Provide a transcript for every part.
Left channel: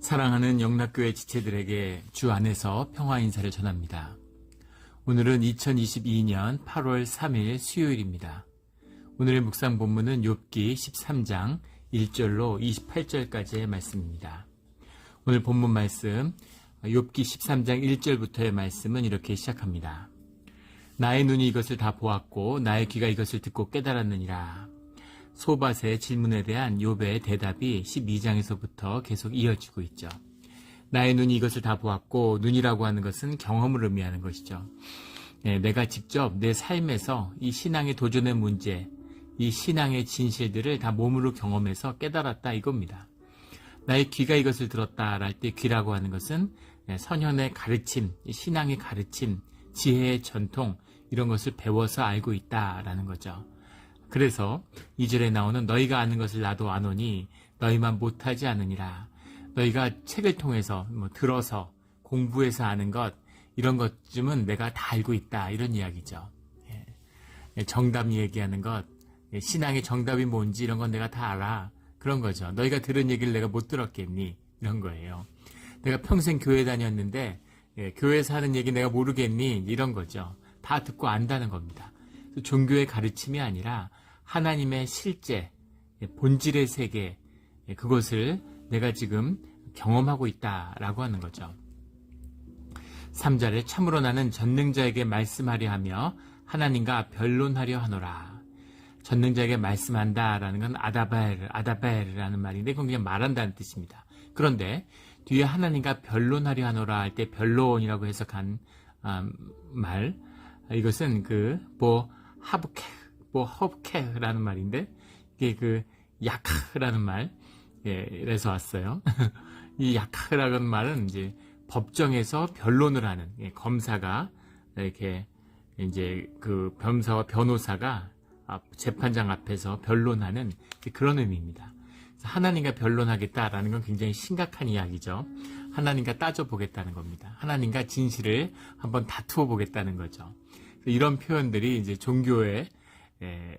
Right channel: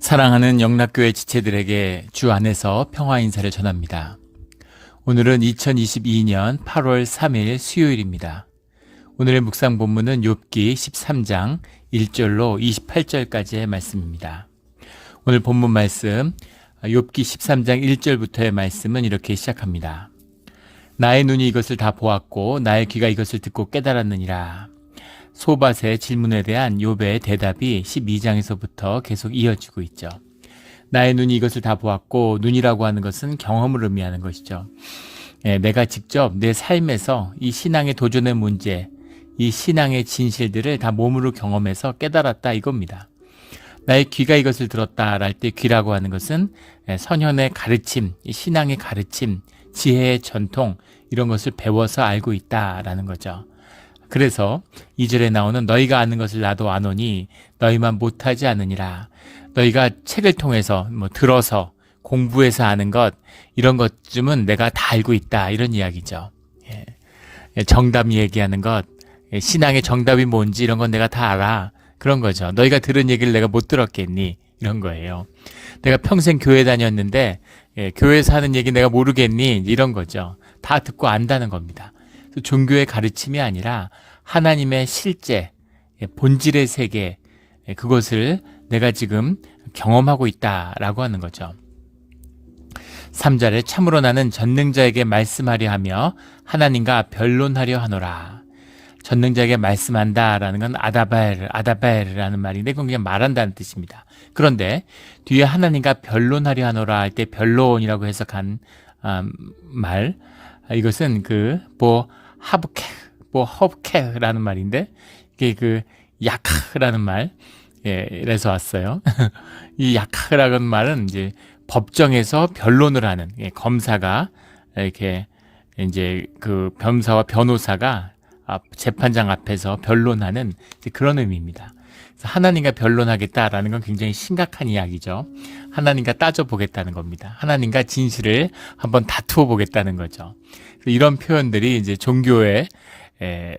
사랑하는 영락교회 지체들에게 주 안에서 평화 인사를 전합니다. 오늘은 2022년 8월 3일 수요일입니다. 오늘의 묵상 본문은 욥기 13장 1절로 28절까지의 말씀입니다. 오늘 본문 말씀 욥기 13장 1절부터의 말씀은 이렇게 시작합니다. 나의 눈이 이것을 다 보았고 나의 귀가 이것을 듣고 깨달았느니라. 소밧의 질문에 대한 욥의 대답이 12장에서부터 계속 이어지고 있죠. 나의 눈이 이것을 다 보았고, 눈이라고 하는 것은 경험을 의미하는 것이죠. 내가 직접 내 삶에서 이 신앙의 도전의 문제, 이 신앙의 진실들을 다 몸으로 경험해서 깨달았다 이겁니다. 나의 귀가 이것을 들었다 할 때 귀라고 하는 것은 선현의 가르침, 신앙의 가르침, 지혜의 전통 이런 것을 배워서 알고 있다라는 거죠. 그래서 2절에 나오는 너희가 아는 것을 나도 아노니 너희만 못하지 않으니라. 너희가 책을 통해서 들어서 공부해서 아는 것 이런 것쯤은 내가 다 알고 있다 이런 이야기죠. 정답 얘기하는 것, 신앙의 정답이 뭔지 이런 건 내가 다 알아 그런 거죠. 너희가 들은 얘기를 내가 못 들었겠니 이런 거예요. 내가 평생 교회 다녔는데 교회에서 하는 얘기 내가 모르겠니 이런 거죠. 다 듣고 안다는 겁니다. 종교의 가르침이 아니라 하나님의 실제, 본질의 세계, 그것을 내가 지금 경험하고 있다라고 하는 거죠. 3절에 참으로 나는 전능자에게 말씀하려 하며 하나님과 변론하려 하노라. 전능자에게 말씀한다라는 건 아다벨이라는 말인데 그건 그냥 말한다는 뜻입니다. 그런데 뒤에 하나님과 변론하려 하노라 할 때 변론이라고 해석한 말, 이것은 허브케라는 말인데 이게 야카라는 말에서 왔어요. 이 야카라는 말은 이제 법정에서 변론을 하는 검사가 이렇게 이제 검사와 변호사가 재판장 앞에서 변론하는 그런 의미입니다. 하나님과 변론하겠다라는 건 굉장히 심각한 이야기죠. 하나님과 따져보겠다는 겁니다. 하나님과 진실을 한번 다투어 보겠다는 거죠. 이런 표현들이 이제 종교의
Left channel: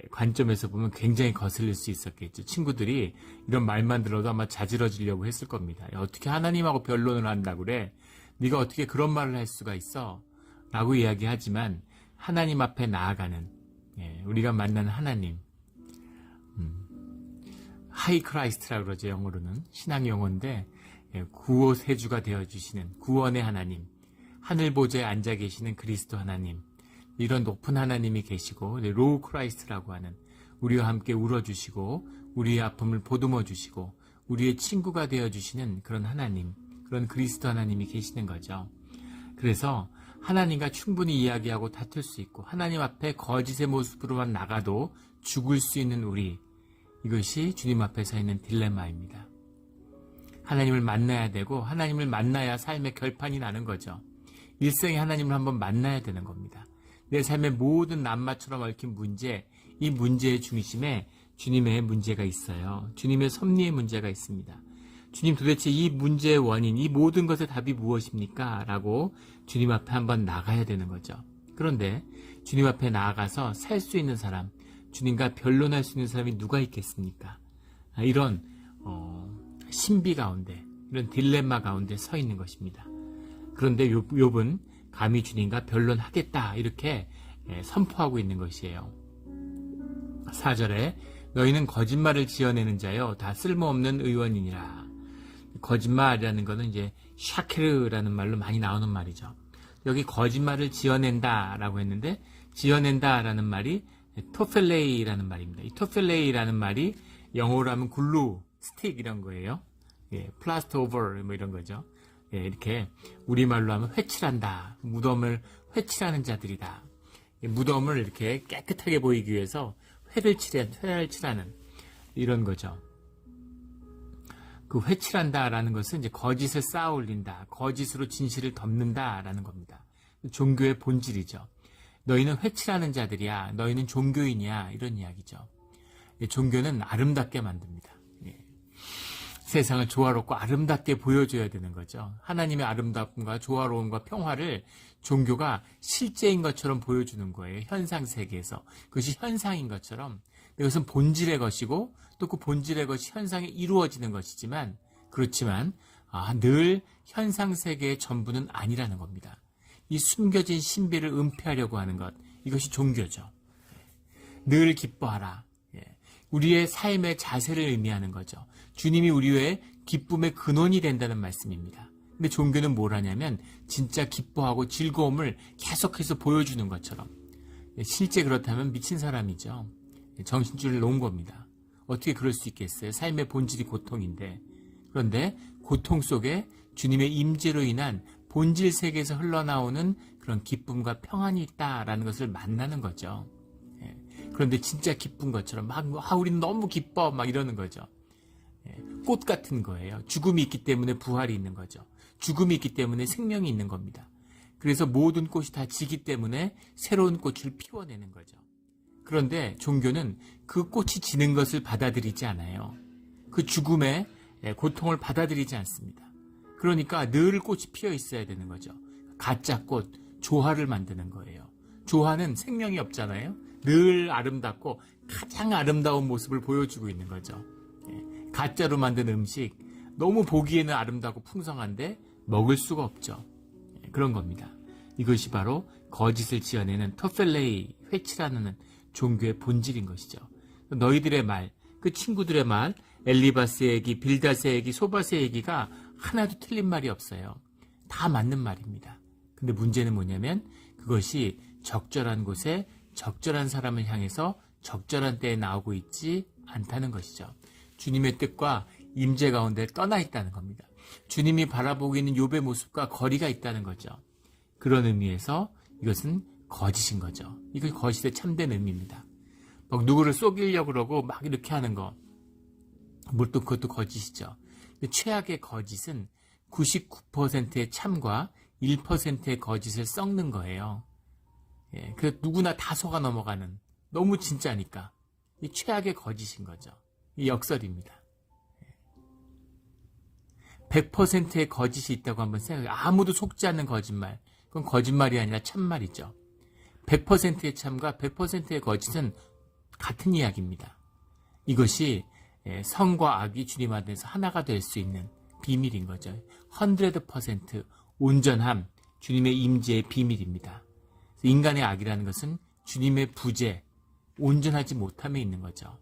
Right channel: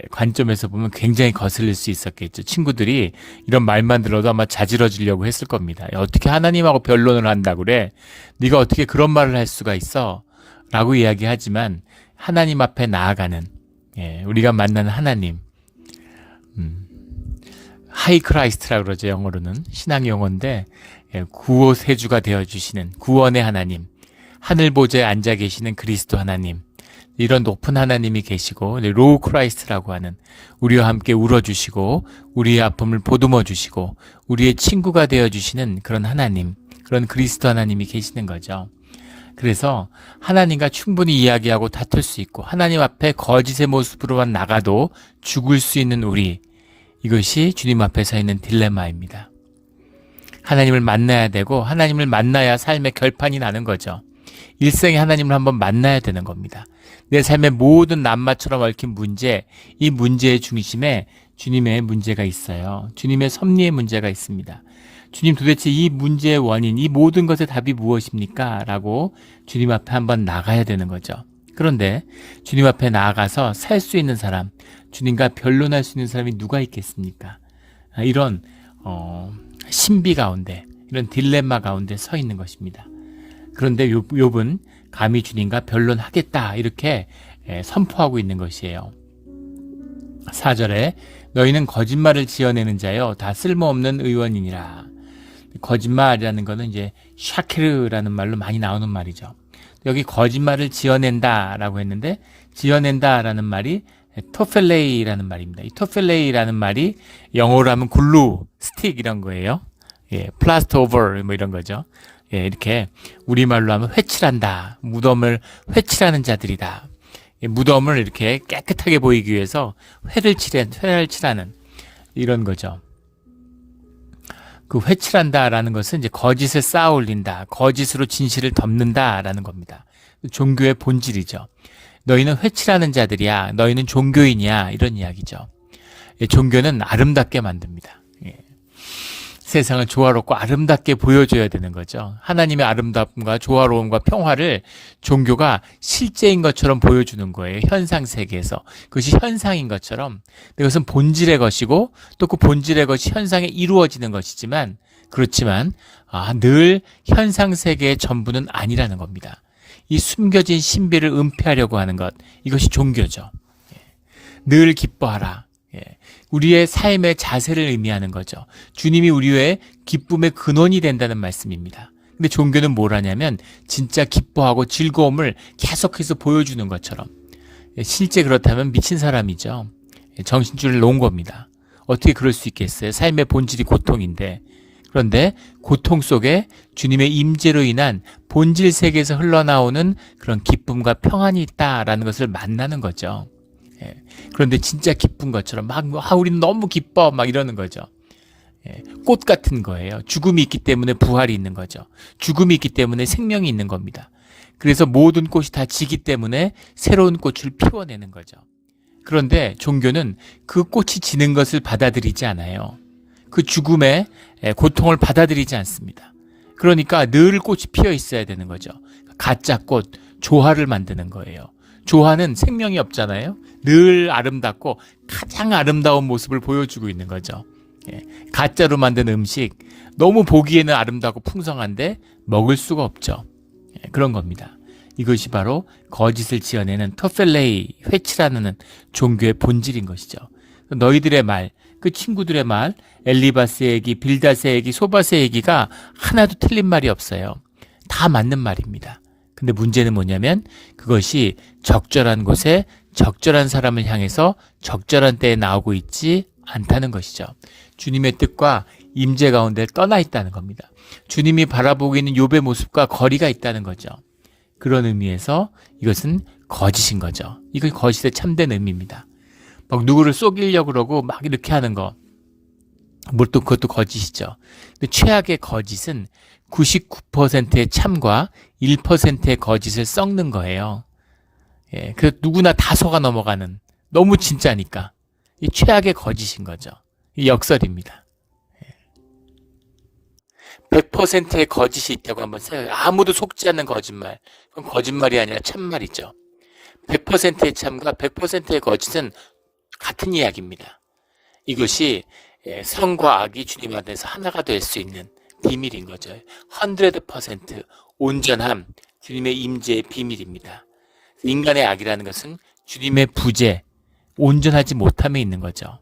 관점에서 보면 굉장히 거슬릴 수 있었겠죠. 친구들이 이런 말만 들어도 아마 자지러지려고 했을 겁니다. 어떻게 하나님하고 변론을 한다고 그래? 네가 어떻게 그런 말을 할 수가 있어? 라고 이야기하지만 하나님 앞에 나아가는 우리가 만나는 하나님, 하이 크라이스트라고 그러죠. 영어로는 신앙 용어인데 구호세주가 되어주시는 구원의 하나님, 하늘 보좌에 앉아 계시는 그리스도 하나님, 이런 높은 하나님이 계시고 로우 크라이스트라고 하는 우리와 함께 울어주시고 우리의 아픔을 보듬어 주시고 우리의 친구가 되어주시는 그런 하나님, 그런 그리스도 하나님이 계시는 거죠. 그래서 하나님과 충분히 이야기하고 다툴 수 있고 하나님 앞에 거짓의 모습으로만 나가도 죽을 수 있는 우리, 이것이 주님 앞에 서 있는 딜레마입니다. 하나님을 만나야 되고 하나님을 만나야 삶의 결판이 나는 거죠. 일생에 하나님을 한번 만나야 되는 겁니다. 내 삶의 모든 낱마처럼 얽힌 문제, 이 문제의 중심에 주님의 문제가 있어요. 주님의 섭리의 문제가 있습니다. 주님 도대체 이 문제의 원인, 이 모든 것의 답이 무엇입니까? 라고 주님 앞에 한번 나가야 되는 거죠. 그런데 주님 앞에 나아가서 살 수 있는 사람, 주님과 변론할 수 있는 사람이 누가 있겠습니까? 이런 신비 가운데, 이런 딜레마 가운데 서 있는 것입니다. 그런데 욥은 감히 주님과 변론하겠다 이렇게 선포하고 있는 것이에요. 4절에 너희는 거짓말을 지어내는 자여 다 쓸모없는 의원이니라. 거짓말이라는 것은 이제 샤케르라는 말로 많이 나오는 말이죠. 여기 거짓말을 지어낸다라고 했는데 지어낸다라는 말이 토펠레이라는 말입니다. 이 토펠레이라는 말이 영어로 하면 글루, 스틱 이런 거예요. 플라스터 오버 이런 거죠. 이렇게 우리말로 하면 회칠한다. 무덤을 회칠하는 자들이다. 무덤을 이렇게 깨끗하게 보이기 위해서 회를 칠하는 이런 거죠. 그 회칠한다라는 것은 이제 거짓을 쌓아 올린다. 거짓으로 진실을 덮는다라는 겁니다. 종교의 본질이죠. 너희는 회칠하는 자들이야. 너희는 종교인이야. 이런 이야기죠. 종교는 아름답게 만듭니다. 세상을 조화롭고 아름답게 보여줘야 되는 거죠. 하나님의 아름다움과 조화로움과 평화를 종교가 실제인 것처럼 보여주는 거예요. 현상 세계에서. 그것이 현상인 것처럼. 그것은 본질의 것이고 또 그 본질의 것이 현상에 이루어지는 것이지만 그렇지만 늘 현상세계의 전부는 아니라는 겁니다. 이 숨겨진 신비를 은폐하려고 하는 것, 이것이 종교죠. 늘 기뻐하라. 우리의 삶의 자세를 의미하는 거죠. 주님이 우리의 기쁨의 근원이 된다는 말씀입니다. 근데 종교는 뭘 하냐면 진짜 기뻐하고 즐거움을 계속해서 보여주는 것처럼, 실제 그렇다면 미친 사람이죠. 정신줄을 놓은 겁니다. 어떻게 그럴 수 있겠어요? 삶의 본질이 고통인데. 그런데 고통 속에 주님의 임재로 인한 본질 세계에서 흘러나오는 그런 기쁨과 평안이 있다라는 것을 만나는 거죠. 그런데 진짜 기쁜 것처럼 우리는 너무 기뻐 막 이러는 거죠. 꽃 같은 거예요. 죽음이 있기 때문에 부활이 있는 거죠. 죽음이 있기 때문에 생명이 있는 겁니다. 그래서 모든 꽃이 다 지기 때문에 새로운 꽃을 피워내는 거죠. 그런데 종교는 그 꽃이 지는 것을 받아들이지 않아요. 그 죽음의 고통을 받아들이지 않습니다. 그러니까 늘 꽃이 피어 있어야 되는 거죠. 가짜 꽃, 조화를 만드는 거예요. 조화는 생명이 없잖아요. 늘 아름답고 가장 아름다운 모습을 보여주고 있는 거죠. 가짜로 만든 음식, 너무 보기에는 아름답고 풍성한데 먹을 수가 없죠. 그런 겁니다. 이것이 바로 거짓을 지어내는 토펠레이, 회치라는 종교의 본질인 것이죠. 너희들의 말, 그 친구들의 말, 엘리바스의 얘기, 빌닷의 얘기, 소바스의 얘기가 하나도 틀린 말이 없어요. 다 맞는 말입니다. 근데 문제는 뭐냐면 그것이 적절한 곳에 적절한 사람을 향해서 적절한 때에 나오고 있지 않다는 것이죠. 주님의 뜻과 임재 가운데 떠나 있다는 겁니다. 주님이 바라보고 있는 욥의 모습과 거리가 있다는 거죠. 그런 의미에서 이것은 거짓인 거죠. 이건 거짓의 참된 의미입니다. 막 누구를 속이려고 그러고 막 이렇게 하는 거, 또 그것도 거짓이죠. 근데 최악의 거짓은 99%의 참과 1%의 거짓을 섞는 거예요. 그 누구나 다 속아 넘어가는, 너무 진짜니까 이 최악의 거짓인 거죠. 이 역설입니다. 100%의 거짓이 있다고 한번 생각해요. 아무도 속지 않는 거짓말, 그건 거짓말이 아니라 참말이죠. 100%의 참과 100%의 거짓은 같은 이야기입니다. 이것이 선과 악이 주님 안에서 하나가 될 수 있는 비밀인 거죠. 100% 온전함, 주님의 임재의 비밀입니다. 인간의 악이라는 것은 주님의 부재, 온전하지 못함에 있는 거죠.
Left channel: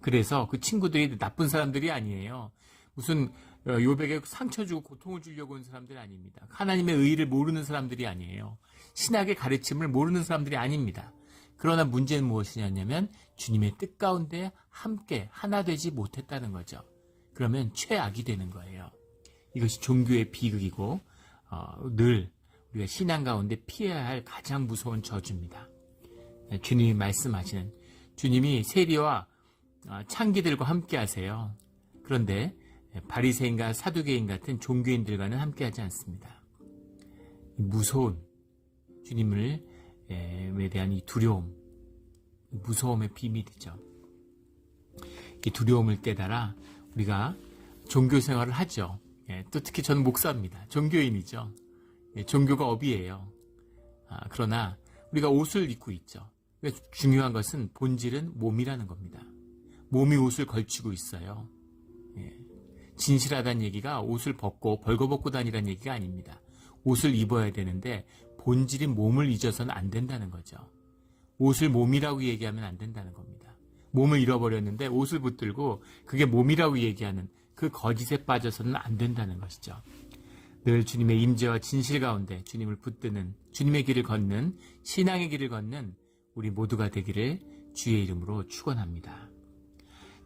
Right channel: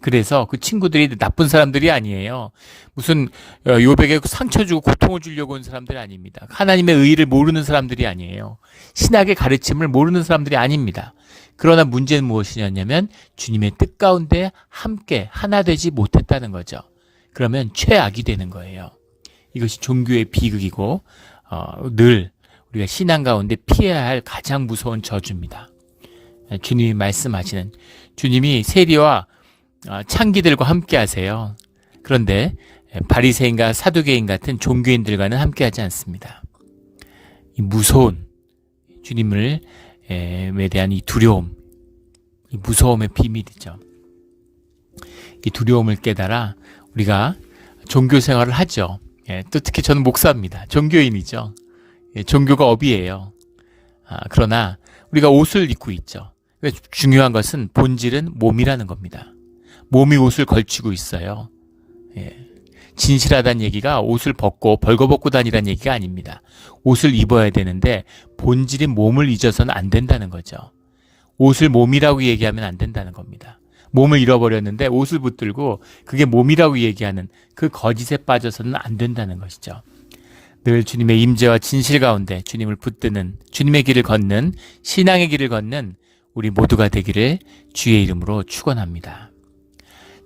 그래서 그 친구들이 나쁜 사람들이 아니에요. 무슨 욥에게 상처 주고 고통을 주려고 온 사람들이 아닙니다. 하나님의 의의를 모르는 사람들이 아니에요. 신학의 가르침을 모르는 사람들이 아닙니다. 그러나 문제는 무엇이냐면 주님의 뜻 가운데 함께 하나 되지 못했다는 거죠. 그러면 최악이 되는 거예요. 이것이 종교의 비극이고 늘 우리가 신앙 가운데 피해야 할 가장 무서운 저주입니다. 주님이 말씀하시는, 주님이 세리와 창기들과 함께 하세요. 그런데 바리새인과 사두개인 같은 종교인들과는 함께 하지 않습니다. 이 무서운 주님을 에 대한 이 두려움, 이 무서움의 비밀이죠. 이 두려움을 깨달아 우리가 종교 생활을 하죠. 또 특히 저는 목사입니다. 종교인이죠. 종교가 업이에요. 그러나 우리가 옷을 입고 있죠. 중요한 것은 본질은 몸이라는 겁니다. 몸이 옷을 걸치고 있어요. 진실하다는 얘기가 옷을 벗고 벌거벗고 다니라는 얘기가 아닙니다. 옷을 입어야 되는데 본질인 몸을 잊어서는 안 된다는 거죠. 옷을 몸이라고 얘기하면 안 된다는 겁니다. 몸을 잃어버렸는데 옷을 붙들고 그게 몸이라고 얘기하는 그 거짓에 빠져서는 안 된다는 것이죠. 늘 주님의 임재와 진실 가운데 주님을 붙드는, 주님의 길을 걷는, 신앙의 길을 걷는 우리 모두가 되기를 주의 이름으로 축원합니다.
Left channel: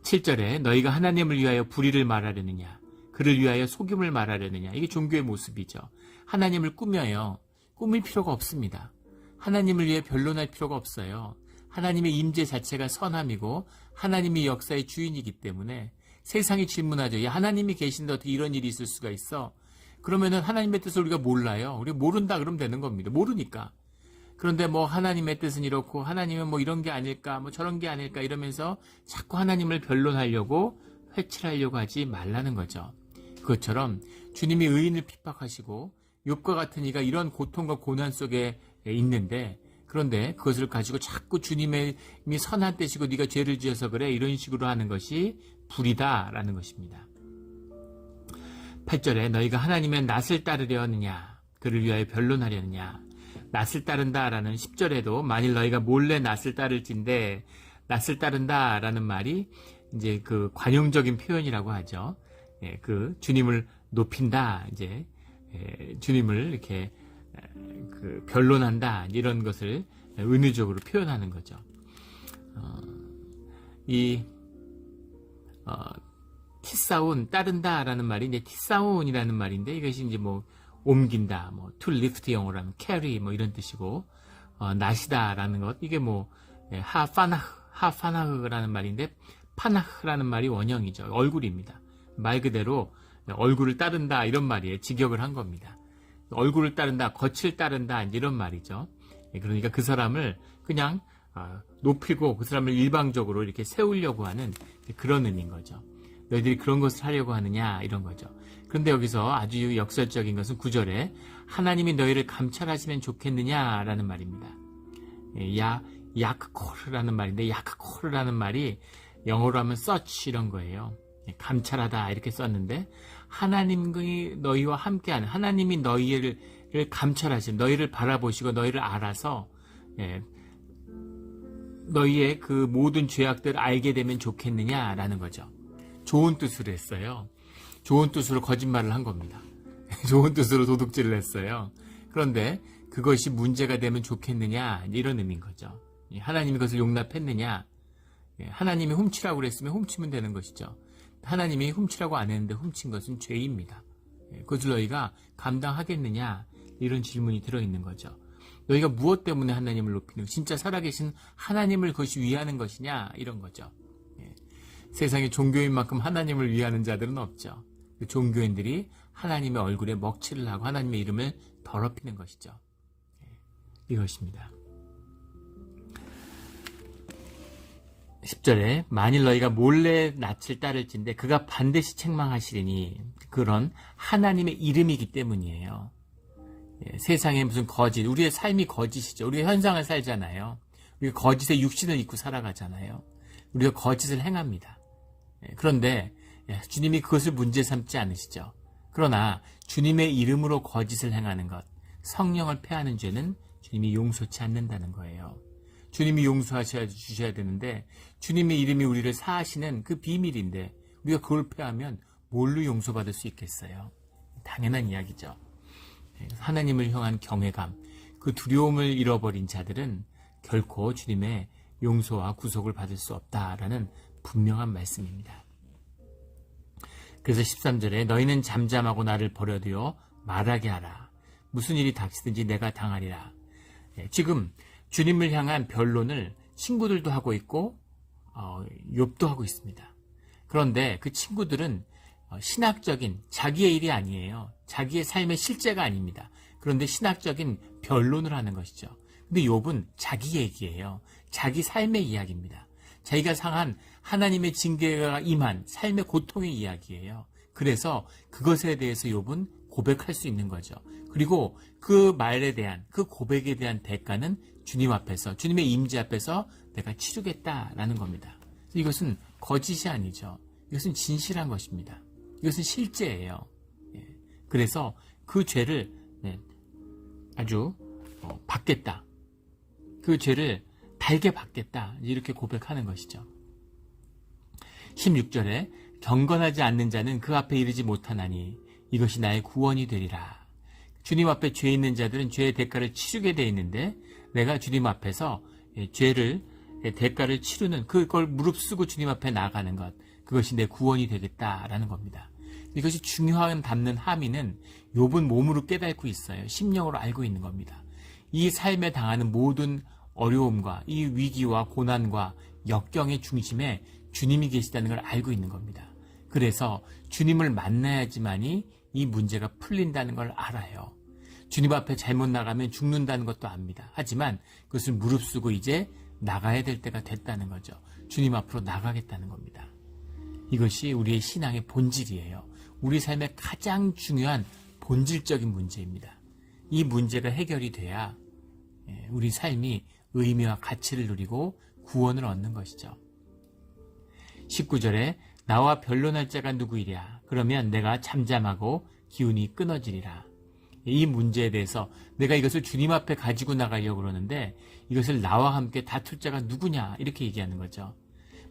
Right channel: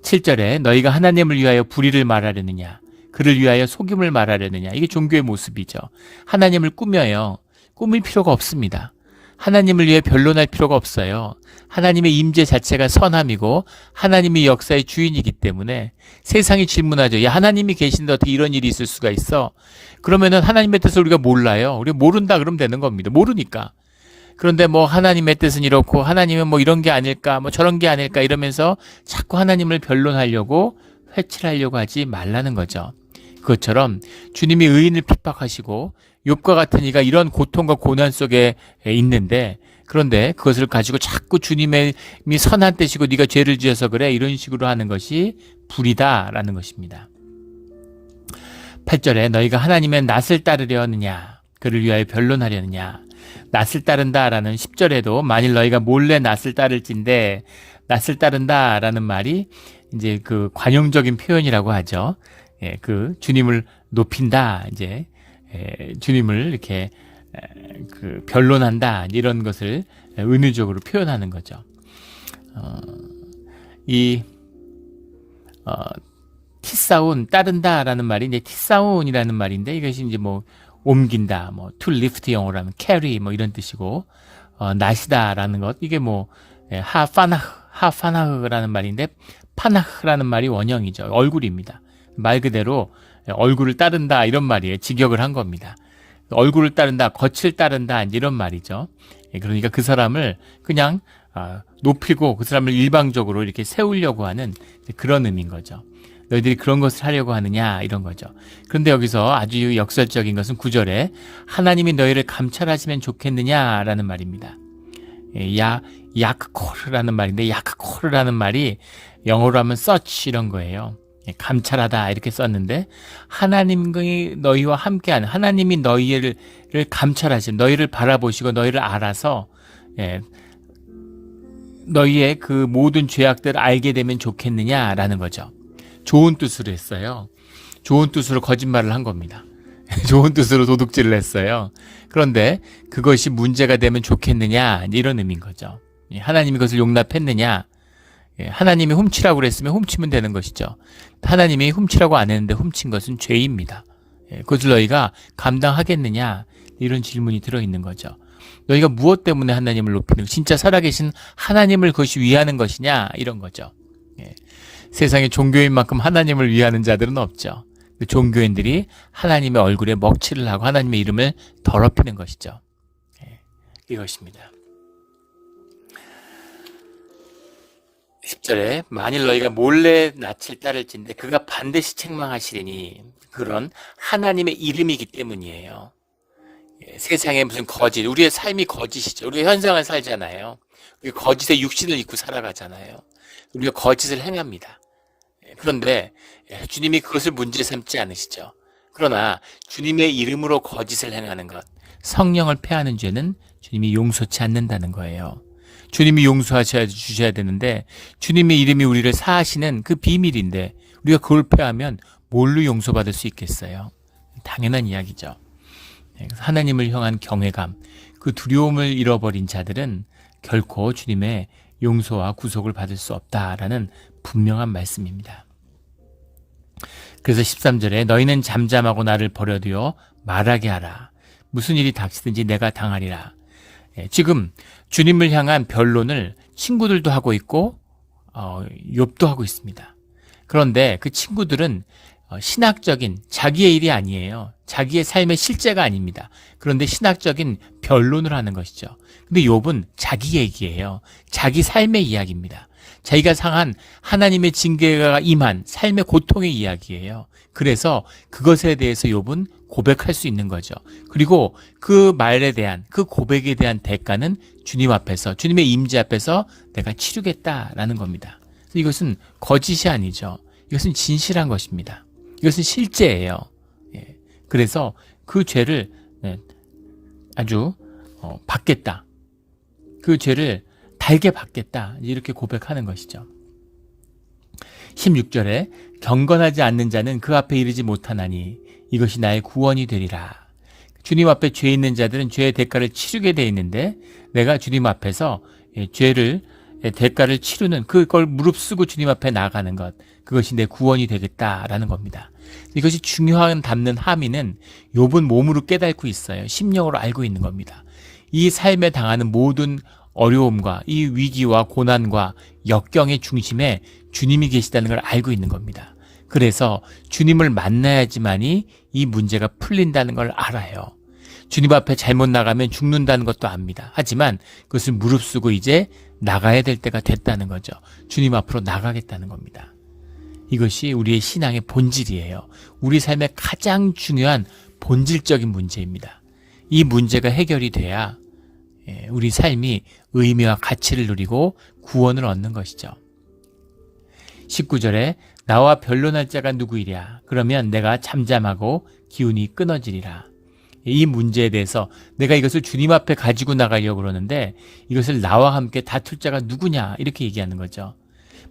7절에 너희가 하나님을 위하여 불의를 말하려느냐, 그를 위하여 속임을 말하려느냐, 이게 종교의 모습이죠. 하나님을 꾸며요. 꾸밀 필요가 없습니다. 하나님을 위해 변론할 필요가 없어요. 하나님의 임재 자체가 선함이고 하나님이 역사의 주인이기 때문에 세상이 질문하죠. 야, 하나님이 계신데 어떻게 이런 일이 있을 수가 있어? 그러면은 하나님의 뜻을 우리가 몰라요. 우리가 모른다 그러면 되는 겁니다. 모르니까. 그런데 뭐 하나님의 뜻은 이렇고 하나님은 뭐 이런 게 아닐까, 뭐 저런 게 아닐까 이러면서 자꾸 하나님을 변론하려고 회칠하려고 하지 말라는 거죠. 그것처럼 주님이 의인을 핍박하시고 욥과 같은 이가 이런 고통과 고난 속에 있는데, 그런데 그것을 가지고 자꾸 주님의 선한 뜻이고 네가 죄를 지어서 그래, 이런 식으로 하는 것이 불이다라는 것입니다. 8절에 너희가 하나님의 낯을 따르려 하느냐 그를 위하여 변론하려느냐. 낯을 따른다라는 10절에도 만일 너희가 몰래 낯을 따를진데, 낯을 따른다라는 말이 이제 그 관용적인 표현이라고 하죠. 예, 그 주님을 높인다, 이제 주님을 이렇게 그 변론한다, 이런 것을 은유적으로 표현하는 거죠. 티사운, 따른다라는 말이 이제 티사운이라는 말인데, 이것이 이제 뭐 옮긴다, 뭐 to lift 영어로 하면 carry 뭐 이런 뜻이고, 낫이다라는 것, 이게 뭐 하파나흐라는 말인데, 파나흐라는 말이 원형이죠. 얼굴입니다. 말 그대로 얼굴을 따른다 이런 말이에요. 직역을 한 겁니다. 얼굴을 따른다, 겉을 따른다 이런 말이죠. 그러니까 그 사람을 그냥 높이고 그 사람을 일방적으로 이렇게 세우려고 하는 그런 의미인 거죠. 너희들이 그런 것을 하려고 하느냐 이런 거죠. 그런데 여기서 아주 역설적인 것은 9절에 하나님이 너희를 감찰하시면 좋겠느냐라는 말입니다. 야크코르라는 말인데, 야크코르라는 말이 영어로 하면 search 이런 거예요. 감찰하다 이렇게 썼는데, 하나님이 너희와 함께하는, 하나님이 너희를 감찰하시는, 너희를 바라보시고 너희를 알아서 너희의 그 모든 죄악들을 알게 되면 좋겠느냐라는 거죠. 좋은 뜻으로 했어요. 좋은 뜻으로 거짓말을 한 겁니다. 좋은 뜻으로 도둑질을 했어요. 그런데 그것이 문제가 되면 좋겠느냐 이런 의미인 거죠. 하나님이 그것을 용납했느냐. 하나님이 훔치라고 그랬으면 훔치면 되는 것이죠. 하나님이 훔치라고 안 했는데 훔친 것은 죄입니다. 그것을 너희가 감당하겠느냐 이런 질문이 들어있는 거죠. 너희가 무엇 때문에 하나님을 높이는, 진짜 살아계신 하나님을 그것이 위하는 것이냐 이런 거죠. 세상에 종교인만큼 하나님을 위하는 자들은 없죠. 종교인들이 하나님의 얼굴에 먹칠을 하고 하나님의 이름을 더럽히는 것이죠. 이것입니다. 10절에 만일 너희가 몰래 낯을 따를진데 그가 반드시 책망하시리니, 그런 하나님의 이름이기 때문이에요. 세상에 무슨 거짓, 우리의 삶이 거짓이죠. 우리가 현상을 살잖아요. 우리가 거짓의 육신을 입고 살아가잖아요. 우리가 거짓을 행합니다. 그런데 주님이 그것을 문제 삼지 않으시죠. 그러나 주님의 이름으로 거짓을 행하는 것, 성령을 폐하는 죄는 주님이 용서치 않는다는 거예요. 주님이 용서하셔야 주셔야 되는데, 주님의 이름이 우리를 사하시는 그 비밀인데 우리가 그걸 폐하면 뭘로 용서받을 수 있겠어요? 당연한 이야기죠. 그래서 하나님을 향한 경외감, 그 두려움을 잃어버린 자들은 결코 주님의 용서와 구속을 받을 수 없다라는 분명한 말씀입니다. 그래서 13절에 너희는 잠잠하고 나를 버려두어 말하게 하라. 무슨 일이 닥치든지 내가 당하리라. 지금 주님을 향한 변론을 친구들도 하고 있고 욥도 하고 있습니다. 그런데 그 친구들은 신학적인 자기의 일이 아니에요. 자기의 삶의 실제가 아닙니다. 그런데 신학적인 변론을 하는 것이죠. 근데 욥은 자기 얘기예요. 자기 삶의 이야기입니다. 자기가 상한 하나님의 징계가 임한 삶의 고통의 이야기예요. 그래서 그것에 대해서 욥은 고백할 수 있는 거죠. 그리고 그 말에 대한, 그 고백에 대한 대가는 주님 앞에서, 주님의 임재 앞에서 내가 치르겠다라는 겁니다. 이것은 거짓이 아니죠. 이것은 진실한 것입니다. 이것은 실제예요. 그래서 그 죄를 아주 받겠다. 그 죄를 달게 받겠다. 이렇게 고백하는 것이죠. 16절에 경건하지 않는 자는 그 앞에 이르지 못하나니 이것이 나의 구원이 되리라. 주님 앞에 죄 있는 자들은 죄의 대가를 치르게 돼 있는데, 내가 주님 앞에서 죄를 대가를 치르는, 그걸 무릅쓰고 주님 앞에 나가는 것, 그것이 내 구원이 되겠다라는 겁니다. 이것이 중요한 담는 함의는 욥은 몸으로 깨닫고 있어요. 심령으로 알고 있는 겁니다. 이 삶에 당하는 모든 어려움과 이 위기와 고난과 역경의 중심에 주님이 계시다는 걸 알고 있는 겁니다. 그래서 주님을 만나야지만이 이 문제가 풀린다는 걸 알아요. 주님 앞에 잘못 나가면 죽는다는 것도 압니다. 하지만 그것을 무릅쓰고 이제 나가야 될 때가 됐다는 거죠. 주님 앞으로 나가겠다는 겁니다. 이것이 우리의 신앙의 본질이에요. 우리 삶의 가장 중요한 본질적인 문제입니다. 이 문제가 해결이 돼야 우리 삶이 의미와 가치를 누리고 구원을 얻는 것이죠. 19절에 나와 변론할 자가 누구이랴. 그러면 내가 잠잠하고 기운이 끊어지리라. 이 문제에 대해서 내가 이것을 주님 앞에 가지고 나가려고 그러는데 이것을 나와 함께 다툴 자가 누구냐 이렇게 얘기하는 거죠.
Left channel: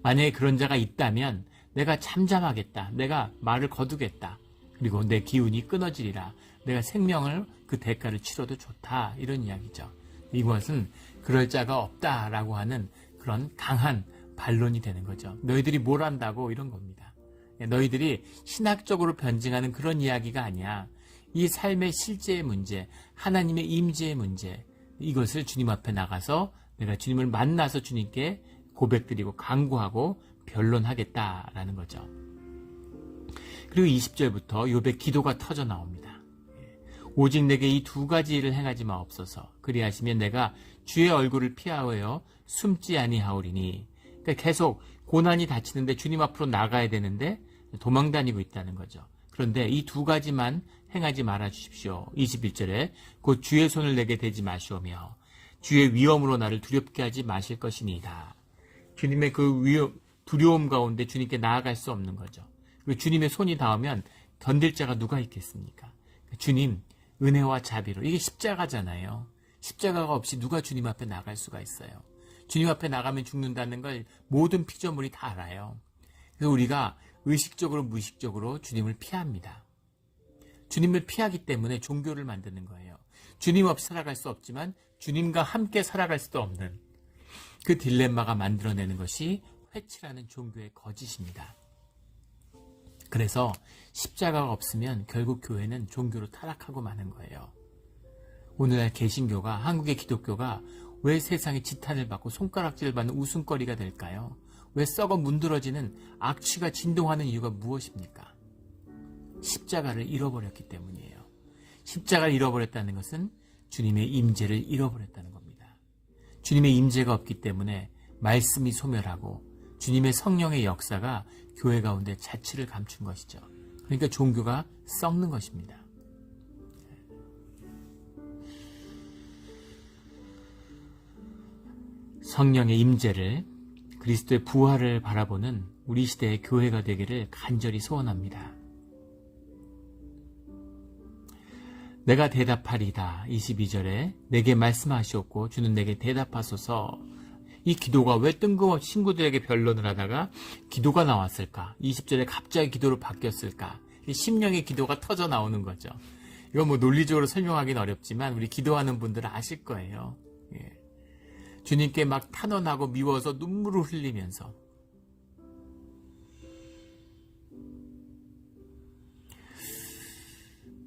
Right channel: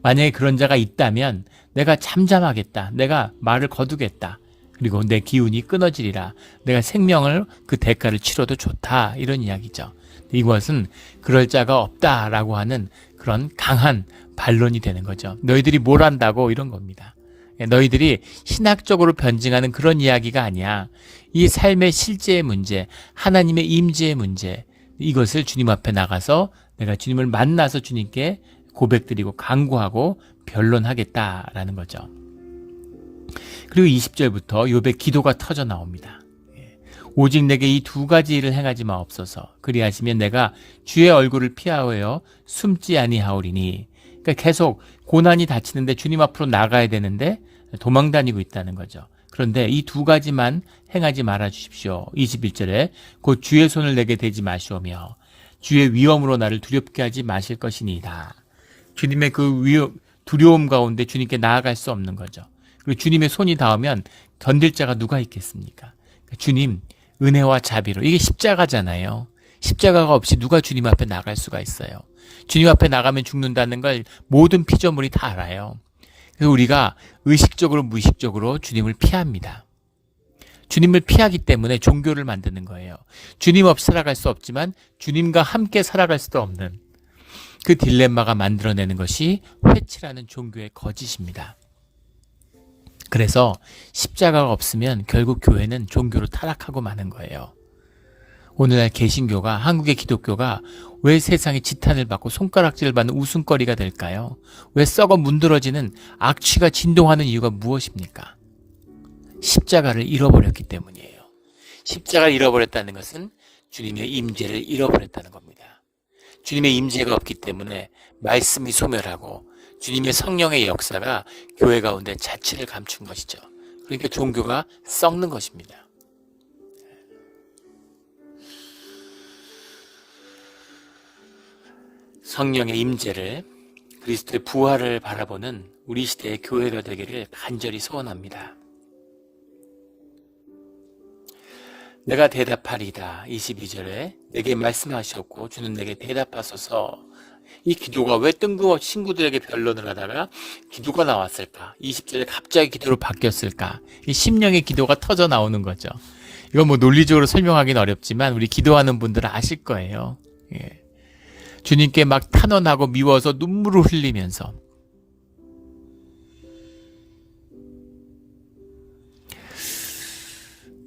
만약에 그런 자가 있다면 내가 잠잠하겠다. 내가 말을 거두겠다. 그리고 내 기운이 끊어지리라. 내가 생명을 그 대가를 치러도 좋다. 이런 이야기죠. 이것은 그럴 자가 없다라고 하는 그런 강한 반론이 되는 거죠. 너희들이 뭘 안다고 이런 겁니다. 너희들이 신학적으로 변증하는 그런 이야기가 아니야. 이 삶의 실제의 문제, 하나님의 임재의 문제, 이것을 주님 앞에 나가서 내가 주님을 만나서 주님께 고백드리고 간구하고 변론하겠다라는 거죠. 그리고 20절부터 욥의 기도가 터져 나옵니다. 오직 내게 이 두 가지 일을 행하지 마옵소서. 그리하시면 내가 주의 얼굴을 피하여 숨지 아니하오리니. 그러니까 계속 고난이 닥치는데 주님 앞으로 나가야 되는데 도망 다니고 있다는 거죠. 그런데 이 두 가지만 행하지 말아 주십시오. 21절에 곧 주의 손을 내게 대지 마시오며 주의 위엄으로 나를 두렵게 하지 마실 것이니이다. 주님의 그 두려움 가운데 주님께 나아갈 수 없는 거죠. 그리고 주님의 손이 닿으면 견딜 자가 누가 있겠습니까? 주님 은혜와 자비로, 이게 십자가잖아요. 십자가가 없이 누가 주님 앞에 나갈 수가 있어요. 주님 앞에 나가면 죽는다는 걸 모든 피조물이 다 알아요. 그래서 우리가 의식적으로 무의식적으로 주님을 피합니다. 주님을 피하기 때문에 종교를 만드는 거예요. 주님 없이 살아갈 수 없지만 주님과 함께 살아갈 수도 없는 그 딜레마가 만들어내는 것이 회치라는 종교의 거짓입니다. 그래서 십자가가 없으면 결국 교회는 종교로 타락하고 마는 거예요. 오늘날 개신교가, 한국의 기독교가 왜 세상에 지탄을 받고 손가락질을 받는 웃음거리가 될까요? 왜 썩어 문드러지는 악취가 진동하는 이유가 무엇입니까? 십자가를 잃어버렸기 때문이에요. 십자가를 잃어버렸다는 것은 주님의 임재를 잃어버렸다는 겁니다. 주님의 임재가 없기 때문에 말씀이 소멸하고 주님의 성령의 역사가 교회 가운데 자취를 감춘 것이죠. 그러니까 종교가 썩는 것입니다. 성령의 임재를, 그리스도의 부활을 바라보는 우리 시대의 교회가 되기를 간절히 소원합니다. 내가 대답하리다. 22절에 내게 말씀하시옵고 주는 내게 대답하소서. 이 기도가 왜 뜬금없이 친구들에게 변론을 하다가 기도가 나왔을까? 20절에 갑자기 기도로 바뀌었을까? 이 심령의 기도가 터져 나오는 거죠. 이건 뭐 논리적으로 설명하기는 어렵지만 우리 기도하는 분들은 아실 거예요. 예. 주님께 막 탄원하고 미워서 눈물을 흘리면서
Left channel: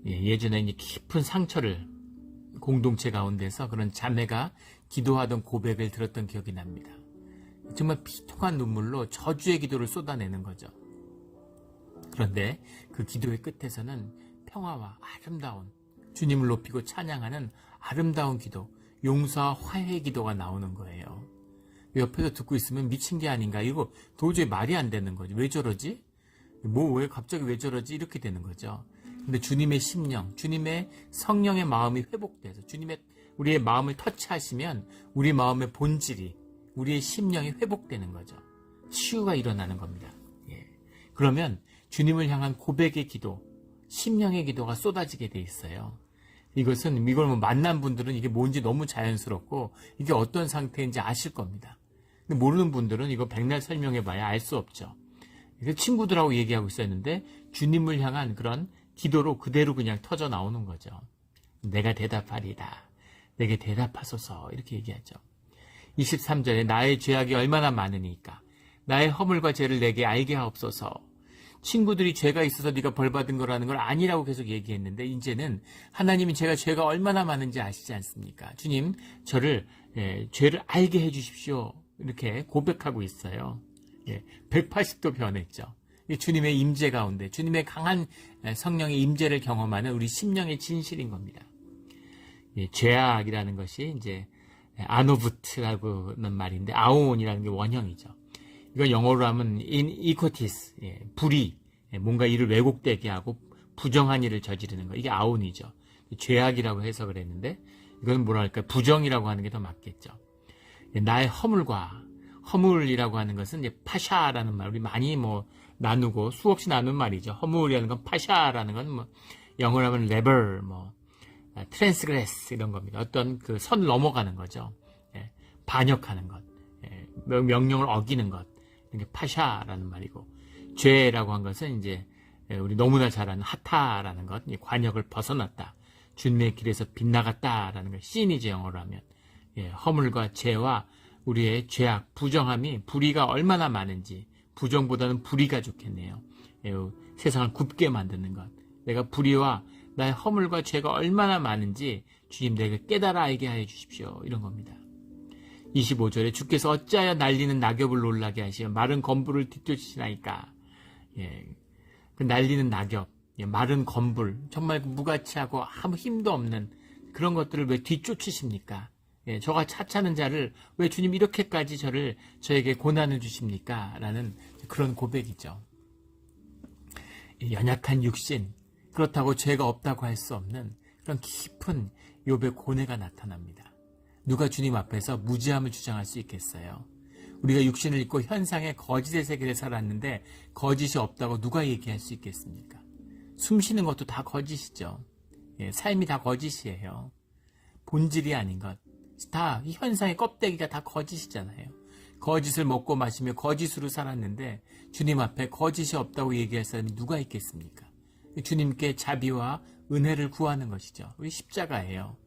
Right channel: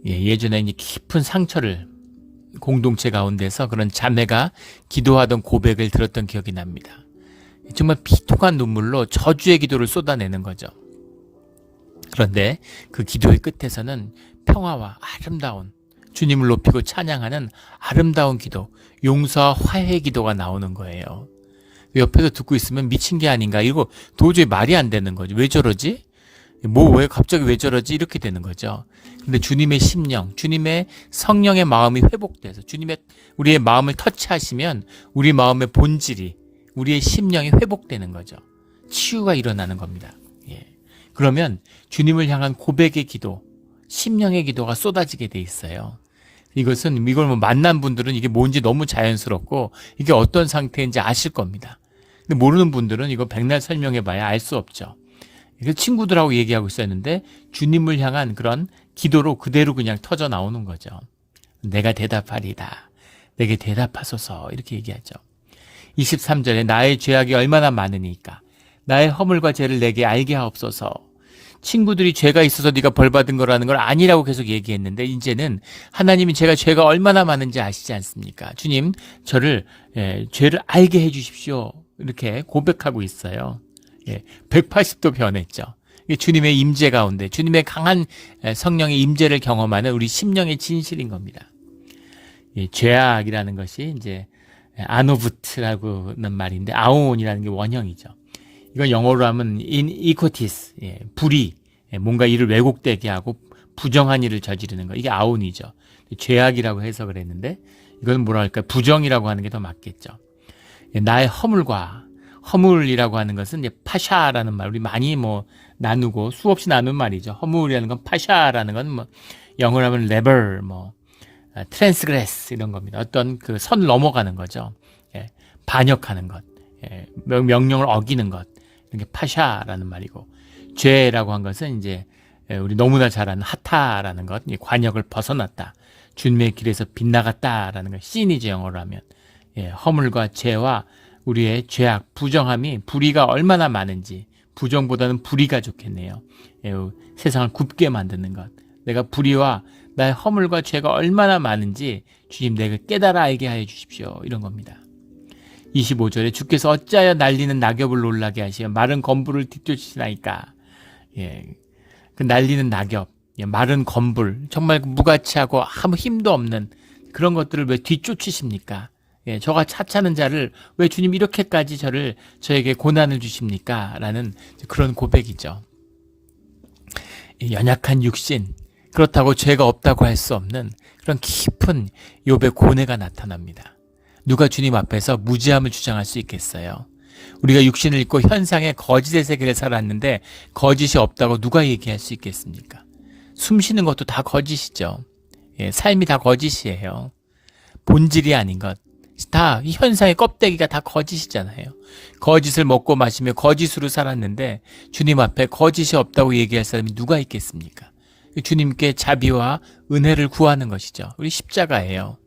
예전에 이제 깊은 상처를 공동체 가운데서 그런 자매가 기도하던 고백을 들었던 기억이 납니다. 정말 비통한 눈물로 저주의 기도를 쏟아내는 거죠. 그런데 그 기도의 끝에서는 평화와 아름다운, 주님을 높이고 찬양하는 아름다운 기도, 용서와 화해의 기도가 나오는 거예요. 옆에서 듣고 있으면 미친 게 아닌가, 이거 도저히 말이 안 되는 거죠. 왜 저러지? 왜 갑자기 왜 저러지? 이렇게 되는 거죠. 근데 주님의 심령, 주님의 성령의 마음이 회복돼서 우리의 마음을 터치하시면 우리 마음의 본질이, 우리의 심령이 회복되는 거죠. 치유가 일어나는 겁니다. 그러면 주님을 향한 고백의 기도, 심령의 기도가 쏟아지게 돼 있어요. 이걸 뭐 만난 분들은 이게 뭔지 너무 자연스럽고 이게 어떤 상태인지 아실 겁니다. 근데 모르는 분들은 이거 백날 설명해봐야 알 수 없죠. 친구들하고 얘기하고 있었는데 주님을 향한 그런 기도로 그대로 그냥 터져 나오는 거죠. 내가 대답하리다. 내게 대답하소서. 이렇게 얘기하죠. 23절에 나의 죄악이 얼마나 많으니까 나의 허물과 죄를 내게 알게 하옵소서. 친구들이 죄가 있어서 네가 벌받은 거라는 걸 아니라고 계속 얘기했는데 이제는 하나님이 죄가 얼마나 많은지 아시지 않습니까? 주님, 저를 죄를 알게 해 주십시오. 이렇게 고백하고 있어요. 180도 변했죠. 주님의 임재 가운데, 주님의 강한 성령의 임재를 경험하는 우리 심령의 진실인 겁니다. 죄악이라는 것이 이제 아노부트라고 하는 말인데 아온이라는 게 원형이죠. 이건 영어로 하면 iniquities, 불의, 뭔가 일을 왜곡되게 하고 부정한 일을 저지르는 거, 이게 아온이죠. 죄악이라고 해석을 했는데 이건 뭐랄까 부정이라고 하는 게 더 맞겠죠. 나의 허물이라고 하는 것은 이제 파샤라는 말, 우리 많이 나누고 수없이 나눈 말이죠. 허물이라는 건 파샤라는 건 뭐 영어로 하면 레벨, 트랜스그레스 이런 겁니다. 어떤 그 선 넘어가는 거죠. 예, 반역하는 것, 예, 명령을 어기는 것, 이게 파샤라는 말이고, 죄라고 한 것은 이제 우리 너무나 잘 아는 하타라는 것, 관역을 벗어났다, 주님의 길에서 빗나갔다라는 것, 신이죠 영어로 하면. 예, 허물과 죄와 우리의 죄악, 부정함이 불의가 얼마나 많은지, 부정보다는 불의가 좋겠네요. 예, 세상을 굽게 만드는 것, 내가 불의와 나의 허물과 죄가 얼마나 많은지 주님 내게 깨달아 알게 하여 주십시오. 이런 겁니다. 25절에 주께서 어찌하여 날리는 낙엽을 놀라게 하시어 마른 건불을 뒤쫓으시나이까. 예, 그 날리는 낙엽, 예, 마른 건불, 정말 무가치하고 아무 힘도 없는 그런 것들을 왜 뒤쫓으십니까? 예, 저가 차차는 자를 왜 주님 이렇게까지 저에게 고난을 주십니까? 라는 그런 고백이죠. 연약한 육신, 그렇다고 죄가 없다고 할 수 없는 그런 깊은 욥의 고뇌가 나타납니다. 누가 주님 앞에서 무죄함을 주장할 수 있겠어요? 우리가 육신을 입고 현상의 거짓의 세계를 살았는데 거짓이 없다고 누가 얘기할 수 있겠습니까? 숨 쉬는 것도 다 거짓이죠. 예, 삶이 다 거짓이에요. 본질이 아닌 것, 다 이 현상의 껍데기가 다 거짓이잖아요. 거짓을 먹고 마시며 거짓으로 살았는데 주님 앞에 거짓이 없다고 얘기할 사람이 누가 있겠습니까? 주님께 자비와 은혜를 구하는 것이죠. 우리 십자가예요.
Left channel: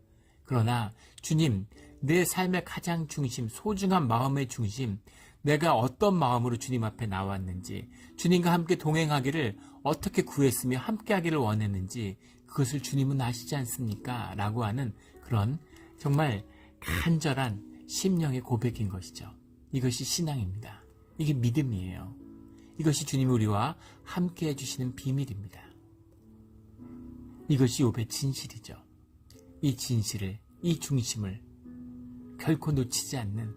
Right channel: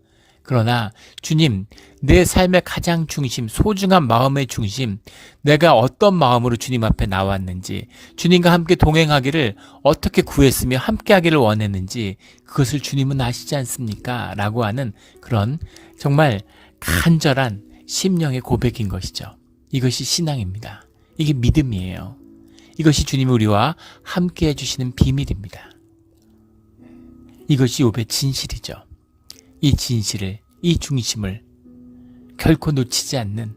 그러나 주님, 내 삶의 가장 중심, 소중한 마음의 중심, 내가 어떤 마음으로 주님 앞에 나왔는지, 주님과 함께 동행하기를 어떻게 구했으며 함께하기를 원했는지 그것을 주님은 아시지 않습니까? 라고 하는 그런 정말 간절한 심령의 고백인 것이죠. 이것이 신앙입니다. 이게 믿음이에요. 이것이 주님이 우리와 함께 해주시는 비밀입니다. 이것이 욥의 진실이죠. 이 진실을, 이 중심을 결코 놓치지 않는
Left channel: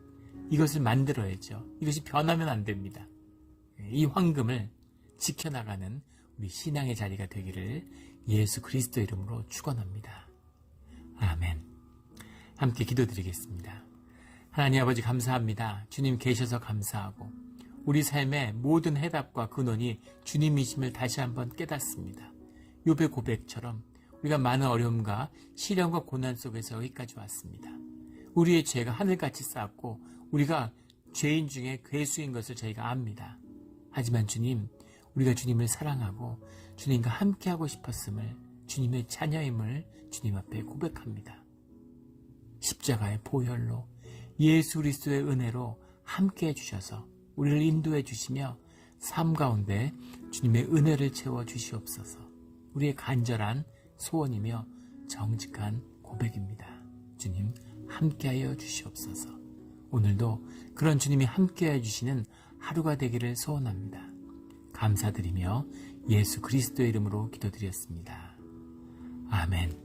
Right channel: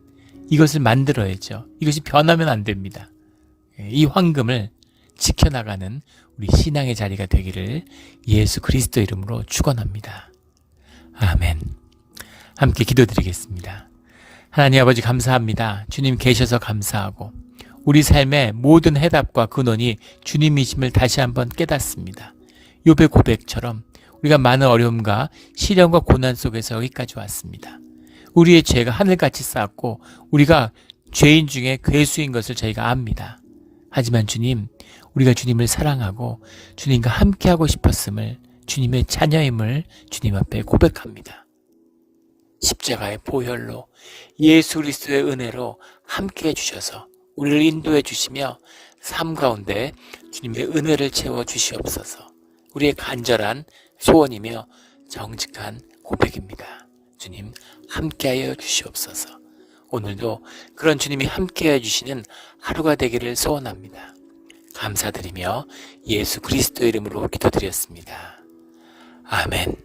이것을 만들어야죠. 이것이 변하면 안 됩니다. 이 황금을 지켜나가는 우리 신앙의 자리가 되기를 예수 그리스도 이름으로 축원합니다. 아멘. 함께 기도드리겠습니다. 하나님 아버지 감사합니다. 주님 계셔서 감사하고 우리 삶의 모든 해답과 근원이 주님이심을 다시 한번 깨닫습니다. 욥의 고백처럼 우리가 많은 어려움과 시련과 고난 속에서 여기까지 왔습니다. 우리의 죄가 하늘같이 쌓았고 우리가 죄인 중에 괴수인 것을 저희가 압니다. 하지만 주님, 우리가 주님을 사랑하고 주님과 함께하고 싶었음을, 주님의 자녀임을 주님 앞에 고백합니다. 십자가의 보혈로 예수 그리스도의 은혜로 함께해 주셔서 우리를 인도해 주시며 삶 가운데 주님의 은혜를 채워 주시옵소서. 우리의 간절한 소원이며 정직한 고백입니다. 주님 함께하여 주시옵소서. 오늘도 그런 주님이 함께해 주시는 하루가 되기를 소원합니다. 감사드리며 예수 그리스도의 이름으로 기도드렸습니다. 아멘.